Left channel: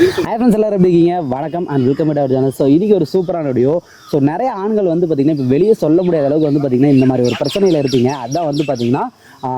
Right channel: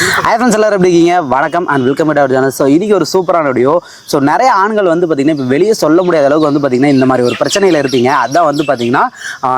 Hi friends, எல்லாரும் எப்படி இருக்கீங்க? வணக்கம் and welcome to our channel. So இன்னைக்கு ஒரு சூப்பரான வீடியோ. ஸோ நிறைய ஆண்கள் வந்து பார்த்தீங்கன்னா இப்போ வெளியே சொல்ல முடியாத அளவுக்கு வந்து பார்த்தீங்கன்னா இந்த மாதிரி ஒரு பிரச்சனையில் இருப்பீங்க. அதான் வந்து பார்த்தீங்கன்னா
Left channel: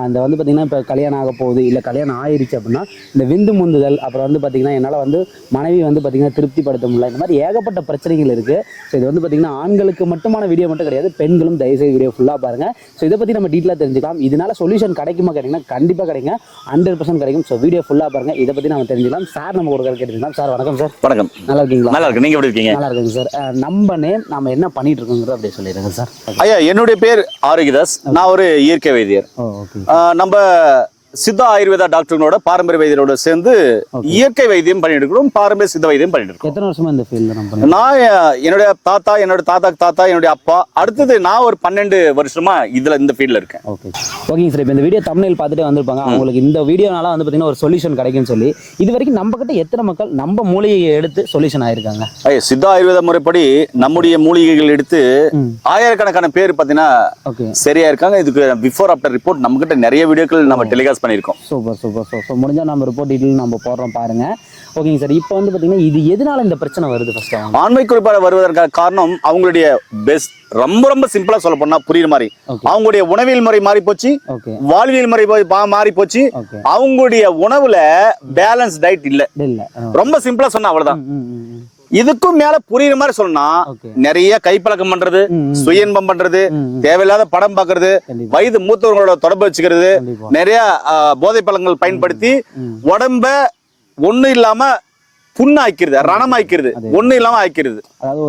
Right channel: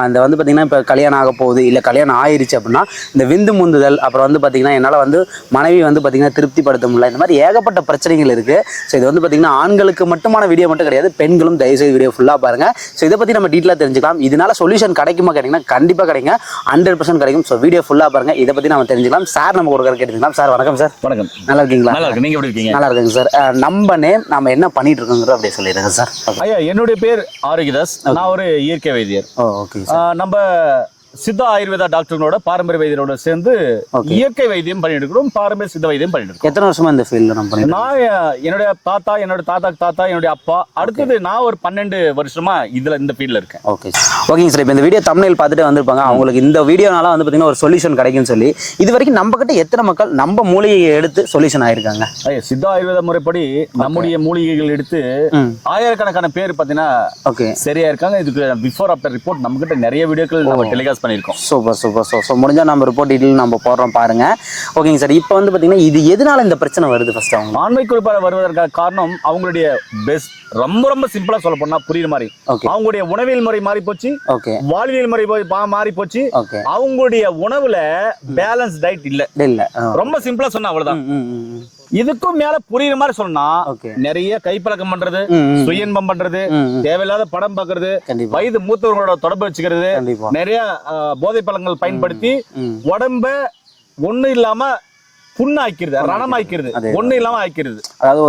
இந்த வந்து பார்த்தீங்கன்னா இப்போ கல்யாணம் ஆக போகுது, இல்லை கல்யாணம் ஆயிடுச்சு அப்படின்னா இந்த விந்து முந்துதல், அப்புறம் வந்து பார்த்தீங்கன்னா என்னால் வந்து மனைவி வந்து பார்த்தீங்கன்னா திருப்திப்படுத்த முடியல, இந்த மாதிரி ஏகப்பட்ட பிரச்சனைகள் இருக்குது. ஸோ இது வந்து பார்த்தீங்கன்னா ஆண்களுக்கு மட்டுமான வீடியோ மட்டும் கிடையாது, பெண்களும் தயவுசெய்து வீடியோ ஃபுல்லாக பாருங்கள். ஸோ இதை பற்றி நம்ம டீட்டெயிலாக தெரிஞ்சுக்கலாம். இதனால சொல்யூஷன் கிடைக்குமா கேட்டிங்கன்னா கண்டிப்பாக கிடைக்கும், 100% கிடைக்கும். ஸோ வீடியோ ஃபுல்லாக பாருங்கள், இதை பற்றி நம்ம தெரிஞ்சுக்கலாம். சார் நம்ம கொடுக்குற கேட்டுக்கலாம். சார் வணக்கம் சார். வணக்கம். நல்லா இருக்கீங்களா? நல்லா இருக்கு. நீங்க எப்படி இருக்கீங்க? நல்லா இருக்குங்க சார். நம்ம நேம், நம்ம என்ன பண்ணிட்டு இருக்கோங்கிறத அப்படியே சொல்லிடுங்க சார். ஐயா, என்னுடைய பேர் ஆரோக்கியதாஸ். நான் ஒரு இயற்கை வைத்தியர். ஓகே. நம்ம சித்தா ஆயுர்வேதா டாக்டர்களோட பாரம்பரிய வைத்தியரோட சேர்ந்து இயற்கை வைத்தியம் பண்ணிட்டு இருக்கோம், பாரம்பரிய சித்த வைத்தியம் பண்ணிட்டு இருக்கோம். எத்தனை வருஷமா இந்த ஃபீல்ட்ல நம்ம பண்ணிட்டு? நான் என்னுடைய தாத்தா, என்னோட தாத்தா, என்னுடைய அப்பா, அடுத்தது நான் ஒரு 12 வருஷமா இந்த ஃபீல்ட்ல இருக்கேன். ஓகேங்க சார். இப்போ இந்த வீடியோ தம்ப்நெயில் பார்த்துட்டு வந்திருப்பாங்க, அவங்களுக்கு இந்த வீடியோனால வந்து பார்த்தீங்கன்னா ஒரு சொல்யூஷன் கிடைக்கும்னு சொல்லி. இது வரைக்கும் நம்ம கிட்ட எத்தனை மக்கள் நம்ம மூலிகையை எடுத்து சொல்யூஷன் ஆயிருக்காங்க? ஐயா, சித்தா ஆயுர்வேத முறைப்படி நம்முடைய மூலிகைகள் எடுத்து ஆயிரக்கணக்கான பேர் பார்த்தீங்கன்னா சரியா இருக்காங்க. இதுக்கு பிஃபோர் ஆஃப்டர் ரிப்போர்ட் நம்ம கிட்ட நிறைய வீடியோக்கள் நம்ம டெலிகாஸ்ட் பண்ணியிருக்கோம். சூப்பர். ஸோ முடிஞ்சால் நம்ம ரிப்போர்ட் டீட்டெயில் நம்ம போடுறோம் பாருங்க. ஓகேங்க சார். இப்போ வந்து பார்த்தீங்கன்னா இது எதனால இந்த பிரச்சனை வருது? ஃபர்ஸ்ட் அவங்க ஆண்மை குறிப்பாக வருவதற்கான காரணம் அவங்களுடைய பெஸ்ட் ரொம்ப சிம்பிளா சொல்ல போனா புரியுற மாதிரி அவங்களுடைய உணவியல் முறை மாறி போச்சு, வாழ்வியல் முறை மாறி போச்சு, அவங்களுடைய உணவுல பேலன்ஸ் டயட் இல்ல. ரொம்ப சிம்பிளா சொன்னா அவ்வளவுதான். இதுக்கும் மேல புரியுற மாதிரி சொன்னா நிறைய கைப்பழக்கம் பண்றது, சுய இன்பம் பண்றது, தேவையில்லாத படம் பாக்குறது, வயது மூத்தவங்களோட தொடர்பு வச்சுக்கிறது, நிறைய போதை பழங்கள் பயன்படுத்தி உடம்ப ஒண்ணு இல்லாம புண்ணாக்கிறது, ரணமாக்கிறது, ஒண்ணு இல்லாம ஆக்கிறது. அதாவது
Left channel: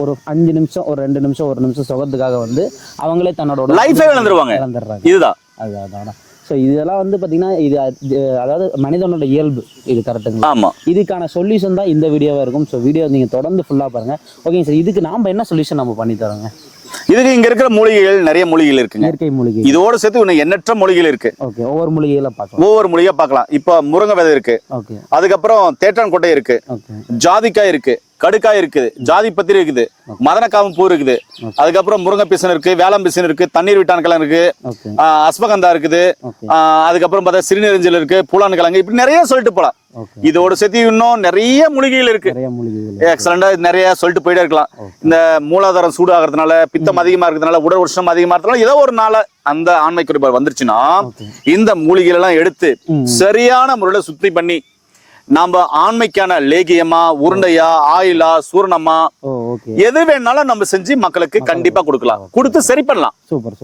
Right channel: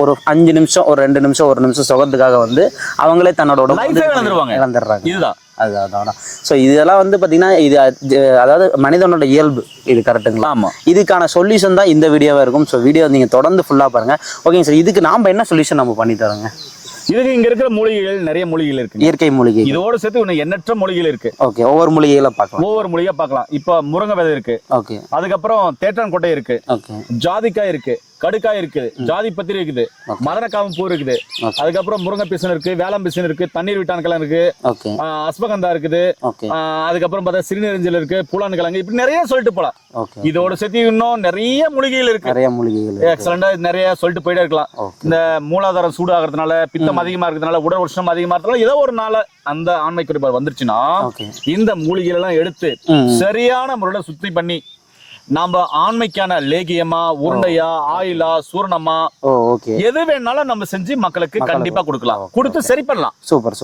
ஒரு 5 நிமிஷம், ஒரு 2 நிமிஷம், 1 நிமிஷம் சுகத்துக்காக வந்து அவங்களே தன்னோட லைஃபே இழந்துடுறாங்க. இதுதான். அதான். ஸோ இதெல்லாம் வந்து பார்த்தீங்கன்னா இது அதாவது மனிதனோட இயல்பு, இது கரெக்டுங்களா? ஆமாம். இதுக்கான சொல்யூஷன் தான் இந்த வீடியோவாக இருக்கும். ஸோ வீடியோ நீங்கள் தொடர்ந்து ஃபுல்லாக பாருங்கள். ஓகேங்க சார். இதுக்கு நாம் என்ன சொல்யூஷன் நம்ம பண்ணி தரோங்க? இதுக்கு இங்க இருக்கிற மூலிகைகள் நிறைய மூலிகைகள் இருக்கு, இயற்கை மூலிகை. இதோட சேர்த்து இன்னும் எண்ணற்ற மூலிகைகள் இருக்கு. ஓகே. ஒவ்வொரு மூலிகைகளை பார்க்கலாம். ஒவ்வொரு மூலிகை பார்க்கலாம். இப்போ முருங்கை விதை இருக்கு. ஓகே. அதுக்கப்புறம் தேற்றான் கொட்டை இருக்கு. ஓகே. ஜாதிக்காய் இருக்கு, கடுக்காய் இருக்குது, ஜாதி பத்திரி இருக்குது, மதனக்காம பூ இருக்குது, அதுக்கப்புறம் முருங்கை பிசன் இருக்கு, வேளாண் பிசன் இருக்கு, தண்ணீர் விட்டான் கிழங்கு இருக்கு, அஸ்வகந்தா இருக்குது, அதுக்கப்புறம் பார்த்தா சிறுநெறிஞ்சல் இருக்கு, பூலான் கிழங்கு, இப்படி நிறைய சொல்லிட்டு போலாம். இதோட சேர்த்து இன்னும் நிறைய மூலிகைகள் இருக்கு. எக்ஸலண்டா நிறைய சொல்லிட்டு போயிட்டே இருக்கலாம். இந்த மூலாதாரம் சூடு ஆகிறதுனால, பித்தம் அதிகமா இருக்கிறதுனால, உடல் உஷ்ணம் அதிகமா இருக்கிறதுனால, ஏதோ ஒரு நாள அந்த ஆண்மை குறைபாடு வந்துருச்சுன்னா இந்த மூலிகைகள் எல்லாம் எடுத்து சரியான முறையில சுத்தி பண்ணி நாம ஆண்மைக்கான லேகியமா, உருண்டையா, ஆயிலா, சூரணமா, எது வேணாலும் நம்ம செஞ்சு மக்களுக்கு கண்டிப்பா கொடுக்கலாம், கொடுத்து சரி பண்ணலாம். சூப்பர்.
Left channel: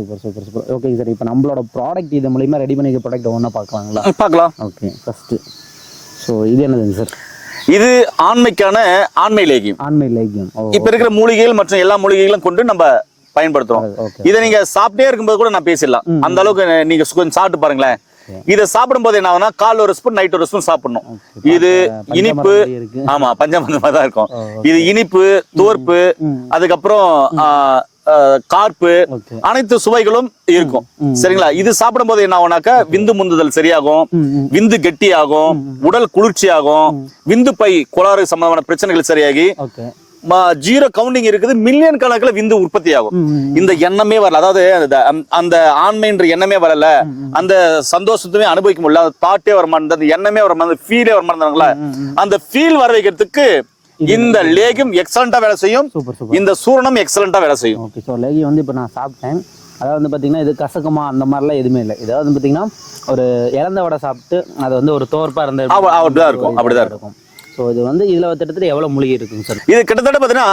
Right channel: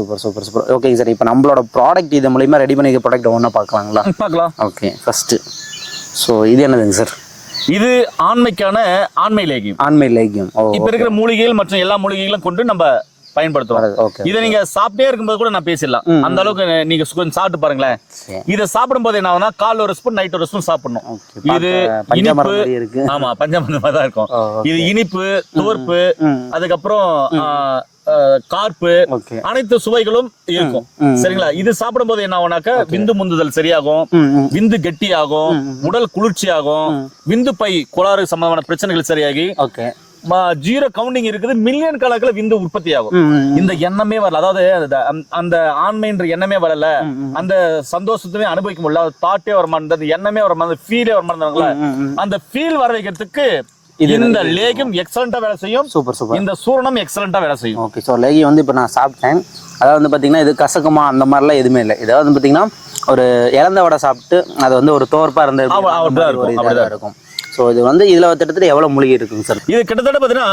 Okay sir. இப்போ நம்மளோட ப்ராடக்ட் இது மூலமா ரெடி பண்ணி ப்ராடக்ட் ஒண்ணா பார்க்கலாங்களா? பார்க்கலாம். ஓகே. ஃபர்ஸ்ட் ஸோ இது என்னதுங்க சார்? இது ஆண்மைக்கான ஆண்மை லேகியம். இப்ப இருக்கிற மூலிகைகள் மற்றும் எல்லா மூலிகைகளும் கொண்டு நம்ம பயன்படுத்துறோம். இதை நீங்க சாப்பிட்டே இருக்கும்போது கூட நான் பேசிடலாம். அந்த அளவுக்கு நீங்க கொஞ்சம் சாப்பிட்டு பாருங்களேன். இதை சாப்பிடும் போது என்ன ஆகும்னா காலைல ஒரு ஸ்பூன், நைட் ஒரு ஸ்பூன் சாப்பிடணும். இது இனிப்பு, ஆமா பஞ்சமரமா தான் இருக்கும். இது இனிப்பு, தோற்பு, அதுக்கப்புறம் கார்ப்பு, அனைத்து சுவைகளும் இருக்கும். சரிங்களா? இது சாப்பிடும் போது என்ன ஆகும்னாக்க விந்து முந்துதல் சரியாகும், விந்து கெட்டியாகும், உடல் குளிர்ச்சியாகும், விந்து பை கோளாறு சம்பந்தமான பிரச்சனைகள் சரியாகி ஜீரோ கவுண்டிங் இருக்குது, மில்லியன் கணக்குல விந்து உற்பத்தி ஆகும். இந்த எண்ணமே வரல, அதாவது அந்த ஆண்மைன்ற எண்ணமே வரல, அந்த சந்தோஷத்துமே அனுபவிக்க முடியல, தாட்டே வர மாட்டேன், அந்த எண்ணமே வர மாட்டேன், ஃபீலே வர மாட்டேங்களா, அந்த ஃபீல் வர வைக்கிறதுக்கு இந்த லேகியம் எக்ஸலண்டா வேலை செய்யும். சூப்பர். இந்த சூரணம் எக்ஸலண்டா வேலை செய்யும். ஓகே. ஸோ லேகியம் வந்து இப்போ நான் சாப்பிட்டேன். அதாவது வந்து பார்த்தீங்கன்னா இது கசக்குமா அந்த மாதிரிலாம் எதுவுமே இல்லை. இதாவது வந்து பார்த்தீங்கன்னா ஒரு இறந்த வடை சாப்பிட்டு அது வந்து ஒரு தோற்பா இருந்த அப்படிதான் இருக்கும். ஸோ இது வந்து இதுல கிட்டத்தட்ட எவ்வளவு மூலிகை இருக்குங்க சார்? இது கிட்டத்தட்ட பாத்தீங்கன்னா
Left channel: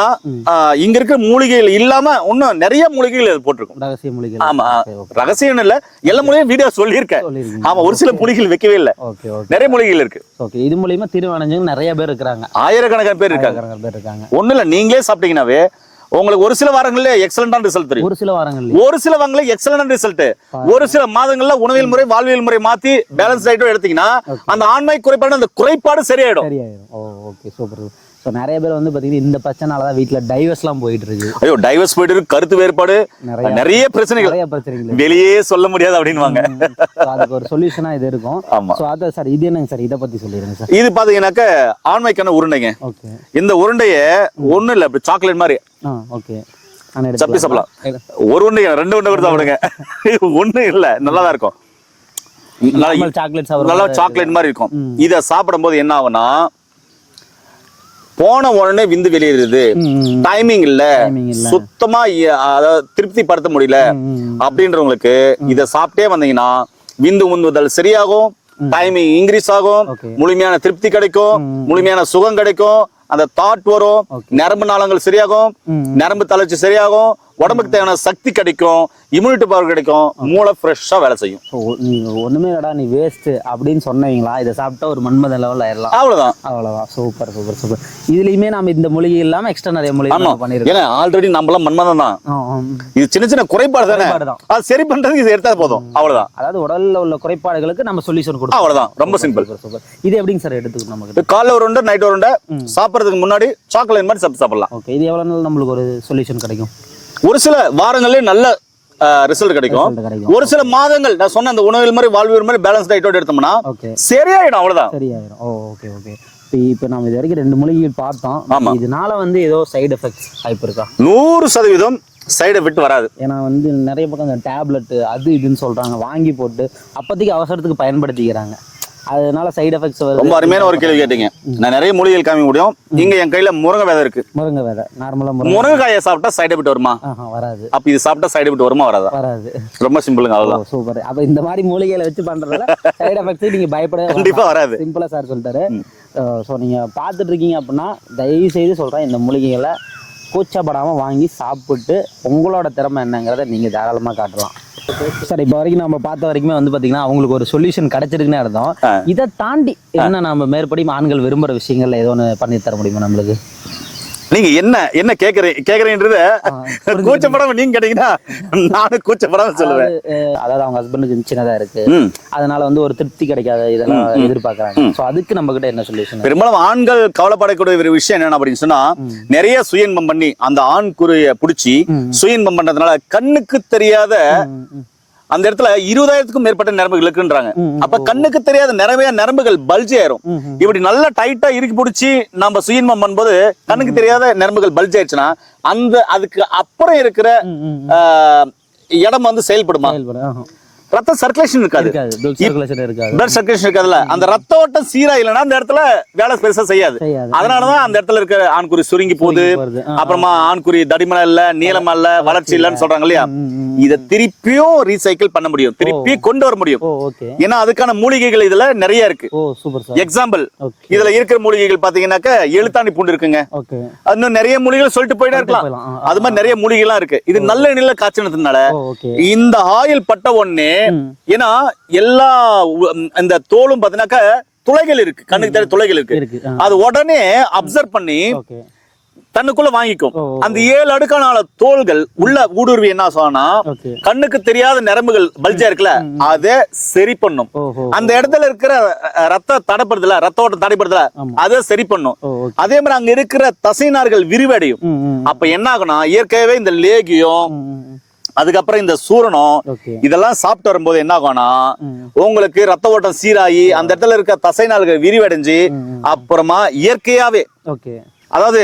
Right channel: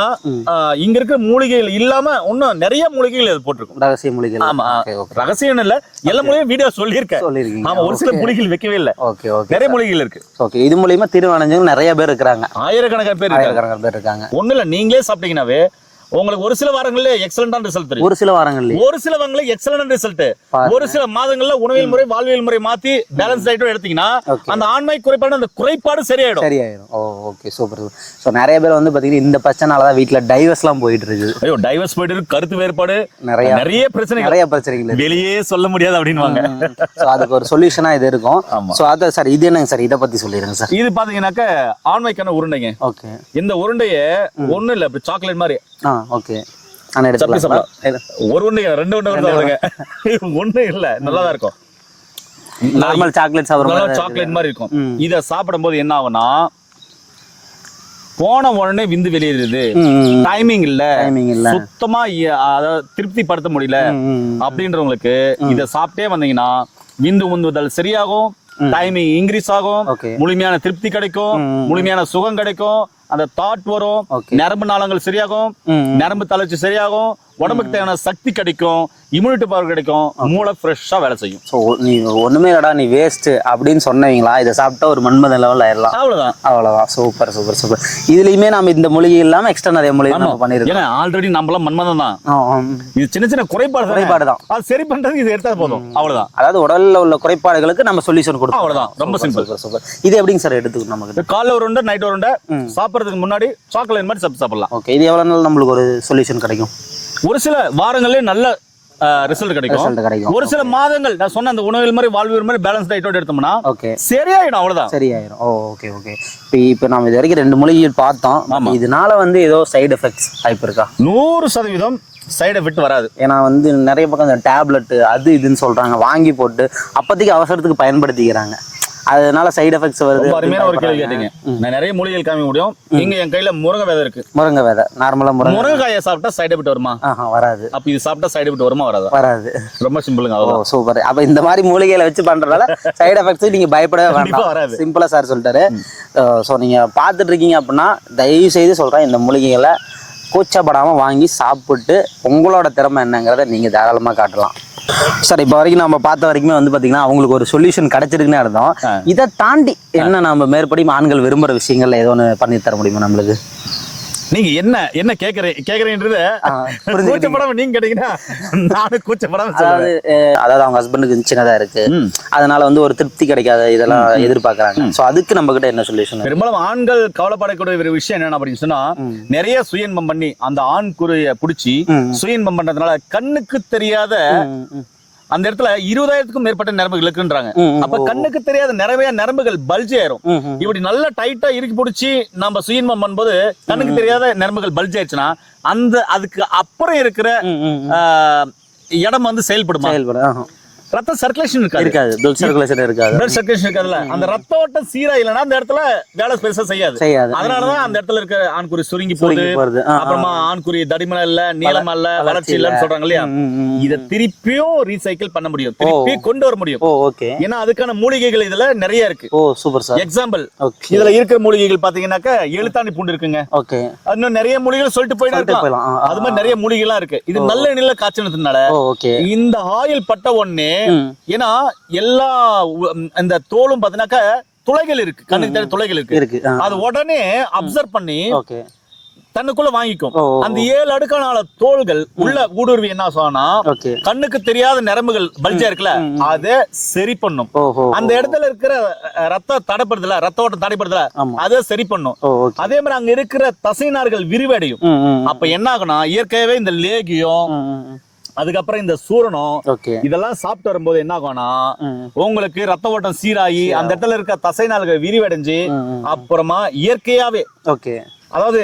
இங்க இருக்கிற மூலிகைகள் இல்லாம இன்னும் நிறைய மூலிகைகள் போட்டிருக்கும். ரகசிய மூலிகைகள். ஆமா, ரகசியம் இல்ல, எல்லா மூலிகையும் வீடியோ சொல்லியிருக்கேன். ஆமா, ஒரு சில மூலிகைகள் வைக்கவே இல்லை. நிறைய மூலிகைகள் இருக்கு. ஓகே. இது மூலியமா திருவணைஞ்சவங்க நிறைய பேர் இருக்கிறாங்க, ஆயிரக்கணக்கான பேர் இருக்காங்க. ஒண்ணு இல்ல, நீங்களே சாப்பிட்டீங்கன்னாவே உங்களுக்கு ஒரு சில வாரங்கள்ல எக்ஸலண்டான ரிசல்ட் தெரியும். ஒரு சில வாரங்கள்ல எக்ஸலண்டான ரிசல்ட். ஒரு சில மாதங்கள்ல உணவியல் முறை, வாழ்வியல் முறை மாத்தி பேலன்ஸ் டயட் எடுத்தீங்கன்னா அந்த ஆண்மை குறைபாடு, அந்த குறைபாடு சரியாயிடும். ஓகே. சூப்பர். சோ நிறைய பேர் வந்து பாத்தீங்கன்னா இந்த பிரச்சனால தான் வீட்ல டைவர்ஸ்லாம் போயிட்டு இருக்கு. ஐயோ, டைவர்ஸ் போயிட்டு இருக்கு, கருத்து வேறுபாடு, நிறைய பிரச்சனைகள் வெளியே சொல்ல முடியாது அப்படின்வாங்க. சோ அதுக்கு ஒரு சொல்யூஷனா இது இருக்கும். சோ அத சார் இது என்னங்க சார், இத பத்தி சொல்லிருங்க சார். இது பாத்தீங்கன்னாக்க ஆண்மைக்கான உருண்டைங்க. ஓகே. இந்த உருண்டைய ஒண்ணு இல்ல, சாக்லேட் மாதிரி. ஓகே. ஒரு உருண்டை, 2 உருண்டை கூட சாப்பிடுங்க. ஒண்ணு இல்ல, நல்லாதான் இருக்கும். நார்மல் சாக்லேட் சாப்பிடுற நல்லா சாக்லேட் மாதிரி இருக்கும். இத சாப்பிடும் போது என்ன ஆகும்னா போன உடனே விந்து வெளியேறுது, டைமிங் இல்ல, சுத்தமா அதாவது திருப்தி படுத்த முடியல அப்படின்றவங்களுக்கு இத சாப்பிட்டே வந்தீங்கன்னா விந்து உந்துதல் சரியாகும், டைமிங் இன்க்ரீஸ் ஆகும், முழுமையான திருப்தி கிடைக்கும், முழுமையான சுகம் கிடைக்கும், அந்த தாட் வரும், நரம்பு நாளங்கள் சரியாகும், நரம்பு தளர்ச்சி சரியாகும், உடம்புக்கு தேவையான சக்தி கிடைக்கும், இம்யூனிட்டி பவர் கிடைக்கும், மூளை ஃப்ரெஷ்ஷா வேலை செய்யும். ஸோ நீ ஒண்ணுமே இல்லடா நீ வேஸ்ட் அப்படின்னு சொன்னீங்களா, இதை சாப்பிட்டா ஒரு மன்மத லெவல் ஆயிடலாம். அவ்வளவுதான். Super super super. இதுலயுமே நம்ம இந்த மூலிகை இல்லாம எக்ஸ்ட்ரா நிறைய மூலிகை பண்ணிருக்கோம். ஆல்ரெடி நம்மளாம் மன்மதம் தான். இது சின்ன சின்ன குறைபாடு தான், அது சரி பண்றதுக்கு இது எடுத்தா போதும். அவ்வளவுதான். அதாவது உடல்ல உள்ள குறைபாடுகளுக்கு நம்ம சொல்யூஷன் கொடுப்போம். அவ்வளவுதான். ரொம்ப சிம்பிள். சூப்பர். இது எப்படிங்க சார் எடுத்துக்கணும்? நமக்கு காலைல ஒரு உண்டை, நைட் ஒரு உண்டை, சாப்பிடறதுக்கு முன்னாடி சாக்லேட் மாதிரி சாப்பிடலாம். ஓகே. இது எவ்வளவு நாள் நம்மளுக்கு ஒரு சொல்யூஷன் கிடைக்கும்? ஒரு சில வாரங்களே நல்ல ரிசல்ட் கிடைக்கும். ஒரு சில மாதங்கள் நான் சொன்ன அந்த உணவுகள் மாதிரி வாழ்வியல் மாதிரி பேலன்ஸ் டயட்டோட எடுத்தோம்னா சரியாயிடும். அவ்வளவுதான். சரியாயிடும். Okay okay. இப்போ நம்ம இது வரைக்கும் 2 மூலிகைகள் பார்த்தோம். இதனால ஏதோ சைடு எஃபெக்ட்ஸ் வாய்ப்பு இருக்கா? 100% சைடு எஃபெக்ட் வராது. ஏன்னா நிறைய பக்கம் இந்த டேப்லெட் அது இதுன்னு சொல்றாங்க, வாங்கி போட்டு அப்போதைக்கு அவசரத்துக்கு பயன்படுத்திக்கிறாங்க. அதனால சைடு எஃபெக்ட்ஸ் வருது. ரொம்ப அருமையான ஒரு கேள்வி கேட்டீங்க. நான் நிறைய மூலிகைகள் காமிக்க முடியும். இங்க என் கையில முருங்கை விதை இருக்கு. முருங்கை விதை நார்மலா முருங்கைக்காயை சாப்பிட்டா சைடு எஃபெக்ட் வருமா? வராது. அப்ப இது சாப்பிட்டா சைடு எஃபெக்ட் வருமா? வராது. ரொம்ப சிம்பிளுங்க. அவ்வளவுதான். சூப்பர். அப்ப இந்த மாதிரி மூலிகைகளை வச்சு பண்றதால சைடு எஃபெக்ட்ஸ் நீங்க பயப்படவே கண்டிப்பா வராது. சிம்பிளா சார் சொல்லிட்டாரு. ஸோ நீங்க பார்த்துட்டு இருக்கீங்க அப்படின்னா தயவு செய்து சொல்றேன், இந்த மூலிகைகளை கூச்சப்படாம வாங்கி சாப்பிட்டு உங்களோட திறமை என்னங்கிறத நீங்க தாராளமா காட்டலாம். சார் இப்போ வரைக்கும் நம்ம பார்த்த வரைக்குமே பாத்தீங்கன்னா அவங்களுக்கு ஒரு சொல்யூஷன் கிடைச்சிருக்குன்னு அர்த்தம். இதை தாண்டி என்ன நம்ம மேற்படி ஆண்கள் விரும்புற விஷயங்கள்ல ஏதோ ஒன்று பண்ணி தர முடியுமா நம்மளுக்கு? நீங்க என்ன கேக்குறீங்கன்றத கூச்சப்படாம நீங்க கேட்டீங்கன்னா நானும் கூச்சப்படாம சொல்லுவேன். அதாவது அவங்க ஹஸ்பண்டுக்கு சின்னதா இருக்கு, அதனால ஒரு திருப்தி கிடைக்காத இதெல்லாம் எதிர்பார்க்கறாங்க. சோ அதுக்கு நம்ம கிட்ட என்ன சொல்யூஷன்? பெரும்பாலும் ஆண்கள் கவலைப்படக்கூடிய ஒரு விஷயம் என்ன அப்படின்னு சொன்னா, நிறைய சுயன்பம் பண்ணி அந்த ஆண் குறிய புடிச்சு சுயன்பம் பண்றதுனால கண்ணுக்கு தெரியாத அந்த இடத்துல 20,000க்கும் மேற்பட்ட நரம்புகள் இருக்குன்றாங்க. அப்ப கண்ணுக்கு தெரியாத நிறைய நரம்புகள் பல்ஜி ஆயிரும். இப்படி நல்லா டைட்டா இறுக்கி பிடிச்சி நம்ம சுயன்பம் பண்ணும்போது கண்ணுக்கு தெரியாத நரம்புகள் பல்ஜி ஆயிடுச்சுன்னா அதுக்கு அப்புறம் இருக்கிற இடம் செயல்படுமா? ரத்த சர்க்குலேஷன் இருக்காது. பிளட் சர்க்குலேஷன் இருக்காதுல்ல. அந்த ரத்த ஓட்டம் சீரா இல்லைன்னா அந்த இடத்துல வேலை பெருசா செய்யாது. அதனாலதான் அந்த இடத்துல இருக்கிற ஆண்குறி சுருங்கி போகுது, அப்புறமா ஆண்குறி தடிமனா இல்ல, நீளமா இல்ல, வளர்ச்சி இல்லன்னு சொல்றாங்க இல்லையா? இத திருப்பியும் ரீசைக்கிள் பண்ண முடியும், திருப்பி கொண்டு வர முடியும். ஏன்னா அதுக்கான மூலிகைகள் இதுல நிறைய இருக்கு. எக்ஸாம்பிள், இதுல இருக்கிற மூலிகைகள் பாத்தீங்கன்னாக்க எழுத்தாணி பூண்டு இருக்குங்க. இன்னும் நிறைய மூலிகைகள் சொல்லிட்டு போயிட்டே இருக்கலாம். அது மாதிரி நிறைய மூலிகைலாம் இருக்கு. இது நல்ல நிலை காய்ச்சனதுனால இந்த ஆயில் பட்ட உடனே, ஏன்னா எல்லா இந்த தோலும் பாத்தீங்கன்னாக்க துளைகள் இருக்கு, கண்ணுக்கு தெரியாத துளைகள் இருக்கு. அது உடனே அப்சர்வ் பண்ணி தன்னுக்குள்ள வாங்கிக்கும். அந்த 7 அடுக்கான தோள்கள் உள்ள ஊடுருவி என்ன சொன்னா கண்ணுக்கு தெரியாத நரம்புகள் பல்ஜா இருக்குல்ல, அதை சரி பண்ணும். அந்த இடத்துல இருக்கிற ரத்த தடைப்படுதுல, ரத்த ஓட்டம் தடைப்படுதுல, அதை சரி பண்ணும். அதே மாதிரி அங்க இருக்கிற தசைநார்கள் விரிவடையும். அப்ப என்ன ஆகும்னா இயற்கையாவே இந்த லேகியம், அதுக்கப்புறம் இந்த சூரணம் இதெல்லாம் சாப்பிட்டு வரும்போது என்ன ஆகும்னா உங்களுக்கு ரத்த ஓட்டம் சீராகி அந்த இடத்துல இருக்க தசைநாள்கள் விரிவடைஞ்சு அப்புறமா இயற்கையாவே அதாவது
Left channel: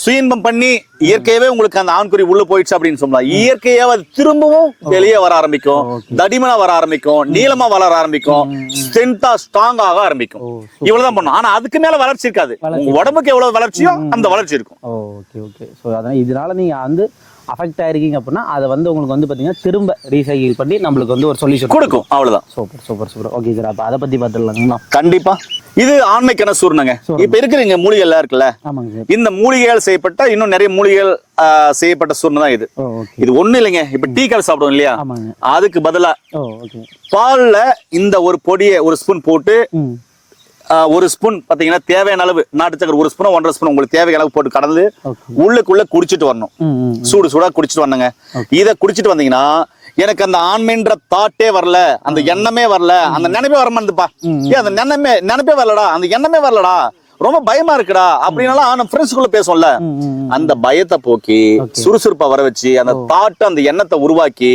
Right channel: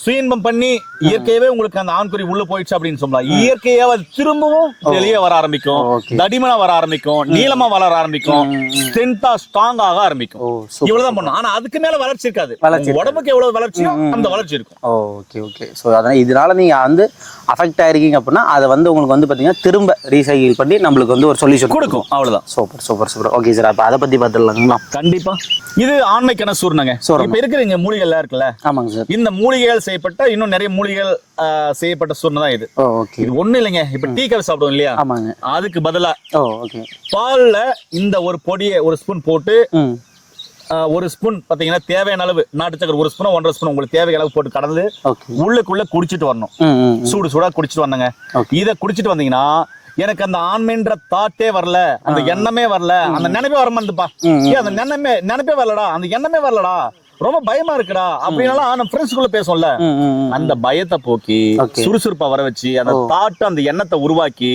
சுயன்பம் பண்ணி இயற்கையாவே உங்களுக்கு அந்த ஆண்குறி உள்ள போயிடுச்சு அப்படின்னு சொல்லலாம். இயற்கையாவே அது திரும்பவும் வெளியே வர ஆரம்பிக்கும், தடிமனா வர ஆரம்பிக்கும், நீளமா வளர ஆரம்பிக்கும், ஸ்ட்ரென்த்தா ஸ்ட்ராங் ஆக ஆரம்பிக்கும். இவ்வளவுதான் பண்ணும். ஆனா அதுக்கு மேல வளர்ச்சி இருக்காது. உடம்புக்கு எவ்வளவு வளர்ச்சியோ அந்த வளர்ச்சி இருக்கும். Okay okay. சோ அதனால இதனால நீங்க அஃபெக்ட் ஆயிருக்கீங்க அப்படின்னா அதை உங்களுக்கு பாத்தீங்கன்னா திரும்ப ரீசைக்கிள் பண்ணி நம்மளுக்கு ஒரு சொல்யூஷன் கொடுக்கும். அவ்வளவுதான். Super super super. Okay sir, அப்ப அதை பத்தி பார்த்துடலாங்களா? கண்டிப்பா. இது ஆண்மைக்கான சூர்ணங்க. இப்ப இருக்கிற மூலிகை எல்லாம் இருக்குல்ல, ஆமாங்க சார், இந்த மூலிகைகள் செய்யப்பட்ட இன்னும் நிறைய மூலிகைகள் செய்யப்பட்ட சூர்ணம் தான் இது. இது ஒண்ணு இல்லைங்க. இப்ப டீ காஃபி சாப்பிடுவோம் இல்லையா, அதுக்கு பதிலா பால்ல இந்த ஒரு பொடியை ஒரு ஸ்பூன் போட்டு, ஒரு ஸ்பூன் பாத்தீங்கன்னா தேவையான அளவு நாட்டு சக்கரை, ஒரு ஸ்பூன் 1.5 ஸ்பூன் உங்களுக்கு தேவையான அளவு போட்டு கடந்து உள்ளுக்குள்ள குடிச்சிட்டு வரணும். சூடா குடிச்சிட்டு வந்தங்க. இத குடிச்சிட்டு வந்தீங்கன்னா எனக்கு அந்த ஆண்மைன்ற தாட்டே வரல, அந்த எண்ணமே வரல, அந்த நினைப்பே வரமாட்டேப்பா, அந்த நினைப்பே வரலடா, அந்த எண்ணமே வரலடா, ரொம்ப பயமா இருக்குடா அப்படின்னாலும் நம்ம ஃப்ரெண்ட்ஸ்குள்ள பேசுவோம்ல, அந்த பயத்தை போக்கி சுறுசுறுப்பா வர வச்சு அந்த தாட் அந்த எண்ணத்தை உருவாக்கி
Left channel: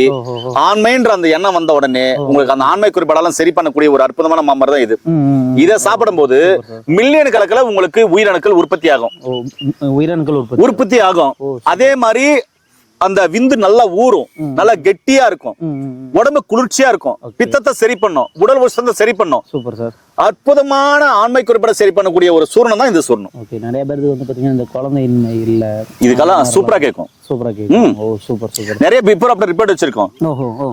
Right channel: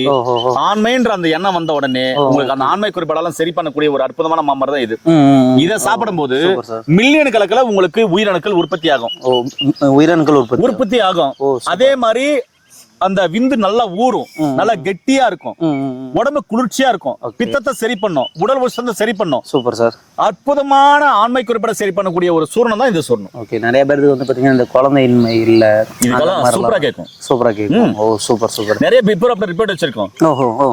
ஆண்மைன்ற அந்த எண்ணம் வந்த உடனே உங்களுக்கு அந்த ஆண்மை குறிப்பாடெல்லாம் சரி பண்ணக்கூடிய ஒரு அற்புதமான மாமரம் தான் இது. இதை சாப்பிடும் போது மில்லியன் கணக்குல உங்களுக்கு உயிரணுக்கள் உற்பத்தி ஆகும். உயிரணுக்கள் உற்பத்தி ஆகும். அதே மாதிரி அந்த விந்து நல்லா ஊறும், நல்லா கெட்டியா இருக்கும், உடம்பு குளிர்ச்சியா இருக்கும், பித்தத்தை சரி பண்ணும், உடல் உஷ்ணத்தை சரி பண்ணும். Super sir. அற்புதமான ஆண்மை குறிப்பிட சரி பண்ணக்கூடிய ஒரு சூரணம் தான் இந்த சூரணம். ஓகே, நிறைய பேருக்கு வந்து பாத்தீங்கன்னா இந்த குழந்தையின்மை இல்ல, இதுக்கெல்லாம் சூப்பரா கேட்கும். சூப்பரா கேட்கும். ஓ சூப்பர் சூப்பர். நிறைய பிஃபோர் ஆஃப்டர் ரிப்போர்ட் வச்சிருக்கோம்.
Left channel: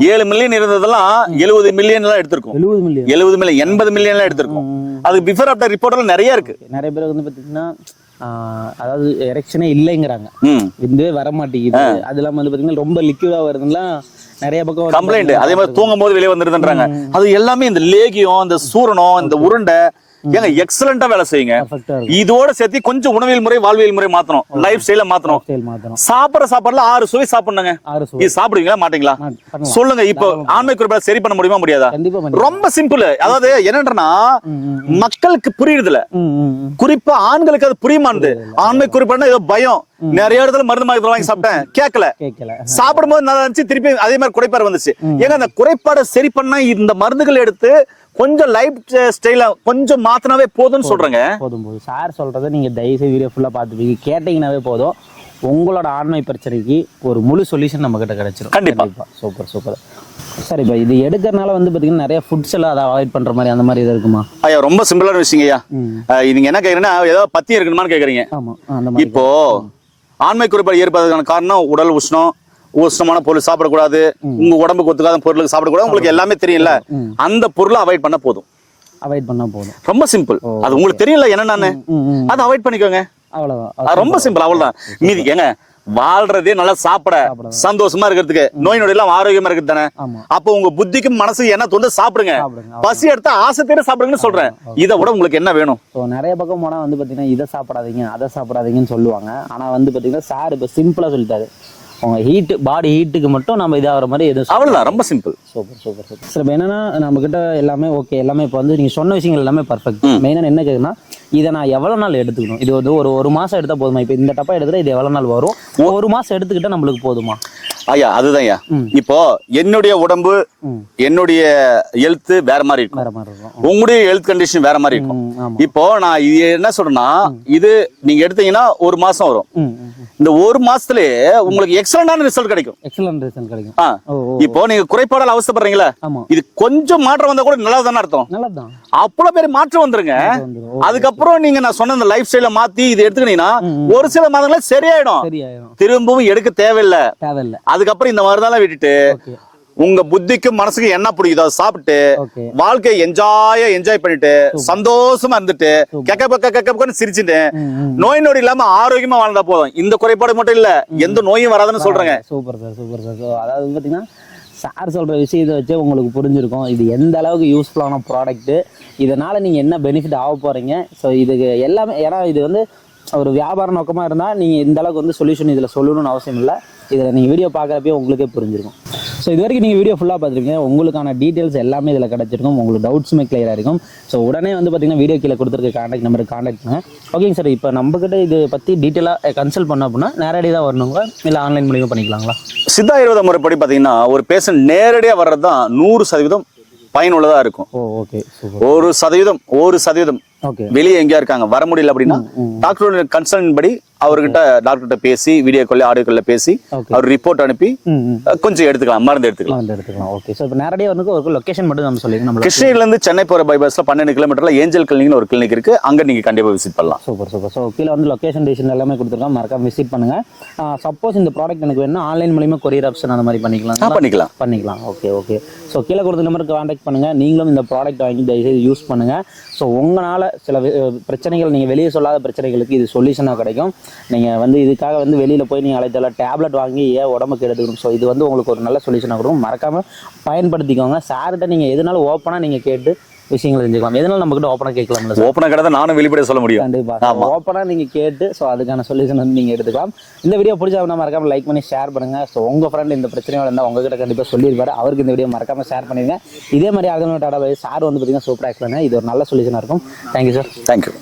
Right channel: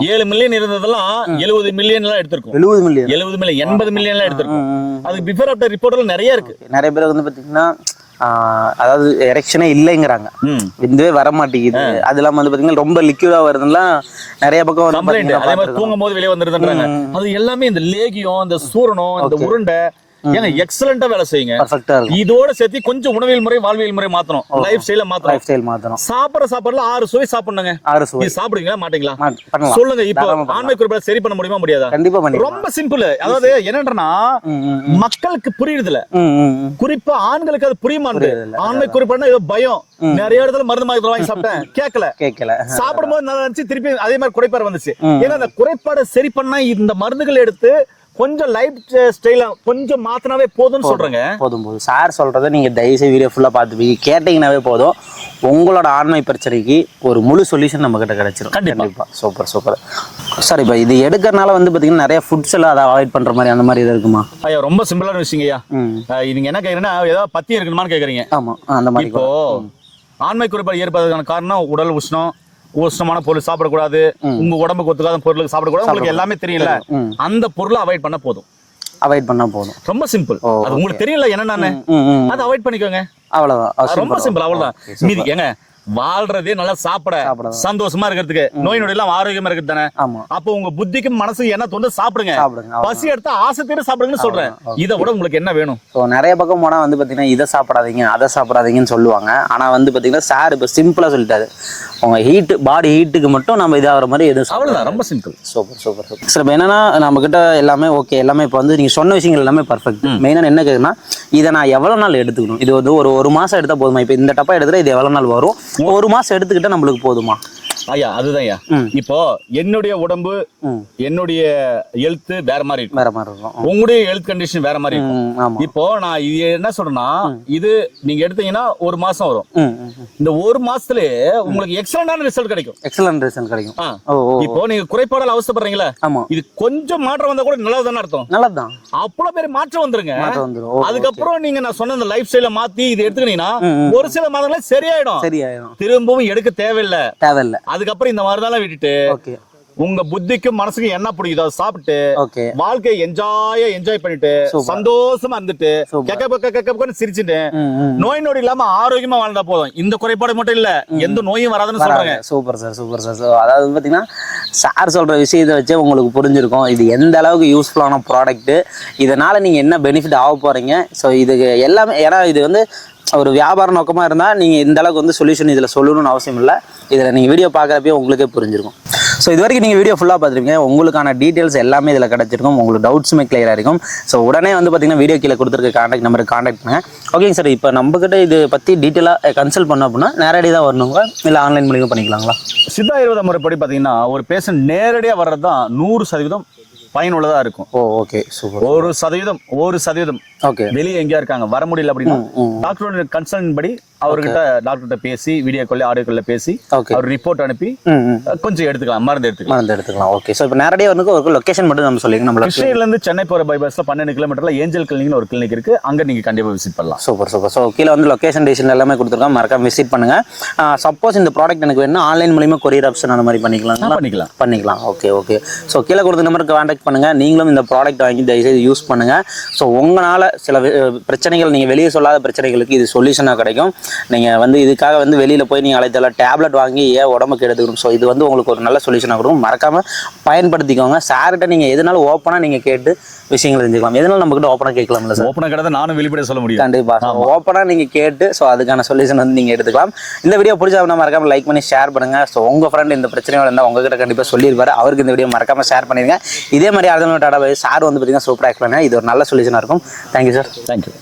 7 மில்லியன் இருந்ததெல்லாம் 70 மில்லியன் எல்லாம் எடுத்திருக்கோம். 70 மில்லியன் 80 மில்லியன் எல்லாம் எடுத்திருக்கோம். அது பிஃபோர் ஆஃப்டர் ரிப்போர்ட்ல நிறைய இருக்கு. நிறைய பேர் வந்து பாத்தீங்கன்னா அதாவது எரெக்ஷனே இல்லைங்கிறாங்க, விந்துவே வர மாட்டேங்குது, அது இல்லாம வந்து பாத்தீங்கன்னா ரொம்ப லிக்விடா வருதுலாம் நிறைய பக்கம் கம்ப்ளைண்ட். அதே மாதிரி தூங்கும் போது வெளியே வந்துருதுன்றாங்க. அது எல்லாமே இந்த லேகியம், இந்த சூரணம், இந்த உருண்டை ஏங்க எக்ஸலண்டா வேலை செய்யுங்க. இதோட சேர்த்து கொஞ்சம் உணவியல் முறை, வாழ்வியல் முறை மாத்தணும், லைஃப் ஸ்டைல மாத்தணும். சாப்பிடுற சாப்பாடுல 6 சுவை சாப்பிடுங்க. இது சாப்பிடுவீங்களா மாட்டீங்களா சொல்லுங்க. இப்போ ஆண்மை குறிப்பிட சரி பண்ண முடியுமா முடியாதா? கண்டிப்பா ரொம்ப சிம்பிள். அதாவது என்னன்றா மக்களுக்கு புரியுதுல, குறிப்பா ஆண்களுக்கு அது புரிய மாட்டேங்குது. ஆண்மை குறிப்பிட ஏதோ பயம். நிறைய இடத்துல மருந்து மாத்திரை வாங்கி சாப்பிட்டேன், கேட்கல. சாப்பிடும்போது நல்லா இருந்துச்சு, திருப்பி அதே மாதிரி குறைபாடு வந்துச்சு. ஏங்க அந்த குறைபாடை சரி பண்ண இந்த மருந்துகள் எடுத்து கொஞ்சம் லைஃப் ஸ்டைல கொஞ்சம் மாத்தினாவே போதும்னு சொல்றேங்க. போதும் சார் சொல்றதை நீங்க தயவுசெய்து வீடியோ ஃபுல்லா பார்த்துப்பீங்க, கேட்டீங்கன்னாவே போதும். உங்களோட ஆண்மை பிரச்சனைக்கு ஒரு முழு சொல்யூஷன் நம்ம கிட்ட கிடைச்சிடும். கண்டிப்பா. Super super sir. இப்போ இது எடுக்கிறனால வந்து பாத்தீங்கன்னா நிறைய ஃபுட்ஸ் எல்லாம் அதை அவாய்ட் பண்ற மாதிரி அந்த மாதிரி இது இருக்குமா? ஐயா ரொம்ப சிம்பிளான விஷயங்கய்யா. நீங்க என்ன கேக்குறீங்கன்னா ஏதாவது பத்தி இருக்கணுமான்னு கேக்குறீங்க. ஆமா, அந்த மாதிரி. இப்போ ஆண்மை குறைபாடு ஏற்படுறதுக்கான காரணம் உடல் உஷ்ணம், உஷ்ணமான பொருள் சாப்பிடக்கூடாது, உங்க உடம்புக்கு ஒத்துக்காத பொருளுக்கு சாப்பிடக்கூடாது. உங்களுக்கு எல்லாமே தெரியல, அந்த பொருளை அவாய்ட் பண்ண போதும். ரொம்ப சிம்பிள். அது உங்களுக்கு தெரியல என்னன்னு அதை அவாய்ட் பண்ணிக்கோங்க, அவ்வளவுதான். ரொம்ப சிம்பிள், அவ்வளவுதான். மீதி ஏங்க வாழ்றதே நல்லா சாப்பிட சந்தோஷமா இருக்கிறதுக்கு, நோய் நொடி எல்லாம் ஆரோக்கியமா இருக்குது தானே. அப்போ உங்க புத்திக்கும் மனசுக்கு என்ன தோணுது சாப்பிடுங்க. பசி எடுத்தா ஆசை தேட சாப்பிடுங்கன்னு சொல்றேன். இதை விட உங்களுக்கு என்ன வேணும்? நிறைய பக்கம் போனா வந்து பாத்தீங்கன்னா இதை சாப்பிடாதீங்க அதை சாப்பிடாதீங்கன்னு சொல்லுவாங்க. ஆனா வந்து பாத்தீங்கன்னா சார் இப்ப சிம்பிளா சொல்லிட்டாரு, உங்க ஹீட் பாடி ஹீட்டுக்கு மட்டும் நம்ம இதாகிற மாதிரி எதுவும் அவ்வளவுதான். ரொம்ப simple. Super super super sir. இப்போ என்னன்னா நம்ம கிட்ட எல்லாமே ஓகே, எல்லாமே இப்போ வந்து நீங்க சொன்ன விஷயங்கள் எல்லாமே பர்ஃபெக்ட். மெயினாக என்ன கேக்குன்னா இதை நான் எவ்வளவு நாள் எடுத்துக்கணும்? இது வந்து ஒரு மாசம் எடுத்தா போதுமா? இப்போ இந்த டப்பா எடுத்துட்டா இது எவ்வளவு நாள் வரும்? ஒரு மாசம் எடுத்துக்கிட்டா நம்மளுக்கு போதுமா? ஐயா அதுதான் ஐயா. இப்போ என்னுடைய உடம்பு, என்னுடைய ஹெல்த் வேற மாதிரி இருக்கும், உங்களுடைய ஹெல்த் கண்டிஷன் வேற மாதிரி இருக்கும். இப்போ நான் இது என்ன சொல்றேன்னா, இது நீங்க எடுத்தீங்கன்னா ஒரு மாசம் வரும். இந்த ஒரு மாசத்துலயே உங்களுக்கு எக்ஸலண்டான ரிசல்ட் கிடைக்கும். இப்போ நீங்க குறைபாடால் அவசப்படுறீங்களா, இது கொஞ்சம் மாற்றம் வந்தா கூட நல்லா தானே அர்த்தம். நல்லதான். அவ்வளவு பேர் மாற்றம் வந்துருங்க. அதுக்கப்புறம் நீங்க நான் சொன்ன இந்த லைஃப் ஸ்டைல மாத்தி இது எடுத்துக்கிட்டீங்கன்னா ஒரு சில மாதங்களே சரியாயிடும். திரும்பவும் எடுக்க தேவையில்லை. அதுக்கப்புறம் இந்த மாதிரிதான் விட்டுட்டு உங்க புத்திக்கும் மனசுக்கு என்ன பிடிக்குதோ சாப்பிட்டு வாழ்க்கையை என்ஜாய் பண்ணிட்டு சந்தோஷமா இருந்துட்டு கெக்க சிரிச்சுட்டு நோய் நொடி இல்லாம ஆரோக்கியமா வாழ்ந்தா போதும். இந்த குறைபாடு மட்டும் இல்ல, எந்த நோயும் வராதுன்னு சொல்றாங்க. Super sir, super sir. அதாவது பாத்தீங்கன்னா சார் சொல்ற விஷயத்தை வச்சு உங்களுக்கு புரிஞ்சிருக்கும் இது எந்த அளவுக்கு யூஸ்ஃபுல்லான ப்ராடக்ட், இதனால நீங்க என்ன பெனிஃபிட் ஆக போறீங்க. ஸோ இதுக்கு எல்லாமே, ஏன்னா இது வந்து ஒரு வியாபார நோக்கமா இருந்தா நீங்க இந்த அளவுக்கு வந்து சொல்யூஷன் இதுல சொல்லணும்னு அவசியம் இல்லை. இதுல நீங்க வீடியோ பார்க்கறப்பே உங்களுக்கே புரிஞ்சிருக்கும். ஸோ இது வரைக்கும் நீங்கள் வீடியோ ஃபுல்லாக பார்த்துருப்பீங்க, உங்களுக்கான டீட்டெயில்ஸ் எல்லாமே இதில் கிடச்சிருக்கும், உங்களுக்கு டவுட்ஸுமே கிளியராக இருக்கும். ஸோ உடனே வந்து பார்த்தீங்கன்னா வீடியோ கீழே கொடுத்துருக்க கான்டாக்ட் நம்பருக்கு கான்டாக்ட் பண்ணுங்க. ஓகேங்க சார். இப்போ நம்மக்கிட்ட இது பற்றி டீட்டெயிலாக கன்சல்ட் பண்ணோம் அப்படின்னா நேரடியாக தான் வரணுங்களா இல்லை ஆன்லைன் மூலியமாக பண்ணிக்கலாங்களா? சித்தா ஆயுர்வேத முறைப்படி பார்த்தீங்கன்னா ஒரு பேஷண்ட் நேரடியாக வர்றது தான் 100% பயனுள்ளதாக இருக்கும். Okay super. 1% ஓகே வெளியே எங்கேயா இருக்காங்க வர முடியல அப்படின்னா டாக்டரோட கன்சல்ட் படி அவர்கிட்ட டாக்டர்கிட்ட பேசி வீடியோ கால் ஆடியோ கால்ல பேசி அவர் ரிப்போர்ட் அனுப்பி கொஞ்சம் எடுத்துக்கலாம், மருந்து எடுத்துக்கலாம். ஓகே. ஸோ இப்போ நேரடியாக வந்து ஒரு லொகேஷன் மட்டும் நம்ம சொல்லிங்க. நம்ம கிருஷ்ணகிரில இருந்து சென்னை போற பைபாஸ்ல 12 கிலோமீட்டர்ல ஏஞ்சல் கிளினிக்னு ஒரு கிளினிக் இருக்கு, அங்க நீங்க கண்டிப்பா விசிட் பண்ணலாம். சூப்பர். ஸோ கீழே வந்து லொகேஷன் டேஷன் எல்லாமே கொடுத்துருக்கோம், மறக்காம விசிட் பண்ணுங்க. சப்போஸ் இந்த ப்ராடக்ட் எனக்கு வேணும் ஆன்லைன் மூலியமா கொரியர் ஆப்ஷன் அந்த மாதிரி பண்ணிக்கலாம். ஓகே. ஸோ கீழே கொடுத்த நம்பருக்கு கான்டாக்ட் பண்ணுங்க. நீங்களும் இந்த ப்ராடக்ட் வாங்கி தயவுசெய்து யூஸ் பண்ணுங்க. ஸோ உங்களால சில பிரச்சனைகள் நீங்கள் வெளியே சொல்லாத பிரச்சனைகளுக்கு இது சொல்யூஷனாக கிடைக்கும். நீங்கள் வந்து இதுக்காக வந்து வெளியில் போய் நீங்கள் அழைத்தெல்லாம் டேப்லெட் வாங்கி ஏன் உடம்புக்கு எடுத்துக்கணும். ஸோ இது வந்து உங்களுக்கு ஒரு நல்ல சொல்யூஷனாக கொடுக்கும், மறக்காமல் பயன்படுத்திக்கோங்க. சார்கிட்ட நீங்கள் எதனாலும் ஓப்பனாக நீங்கள் கேட்டு விஷயங்கள் தெரிஞ்சுக்கலாம். எதனால நம்ம கிட்ட ஓப்பனாக கேட்கலாம்ல சார்? ஓப்பனாக கிட்ட நானும் வெளிப்படையா சொல்ல முடியும். கண்டிப்பாக ஓப்பனாக நீங்கள் கேட்டு ஸோ அதுக்கான சொல்யூஷன் வந்து நீங்கள் எடுத்துக்கலாம். இந்த வீடியோ பிடிச்சா மறக்காம லைக் பண்ணி ஷேர் பண்ணுங்க. ஸோ உங்கள் ஃப்ரெண்ட் இந்த பிரச்சனையோட இருந்தால் உங்ககிட்ட கண்டிப்பாக சொல்லியிருப்பாரு, அவருக்கு இந்த வீடியோ மறக்காம ஷேர் பண்ணிடுங்க. இதே மாதிரி அடுத்த டாடா சார் வந்து பார்த்தீங்கன்னா சூப்பராக இருக்கலாம். இது ஒரு நல்ல சொல்யூஷனாக இருக்கும். Thank you sir. தேங்க்யூ.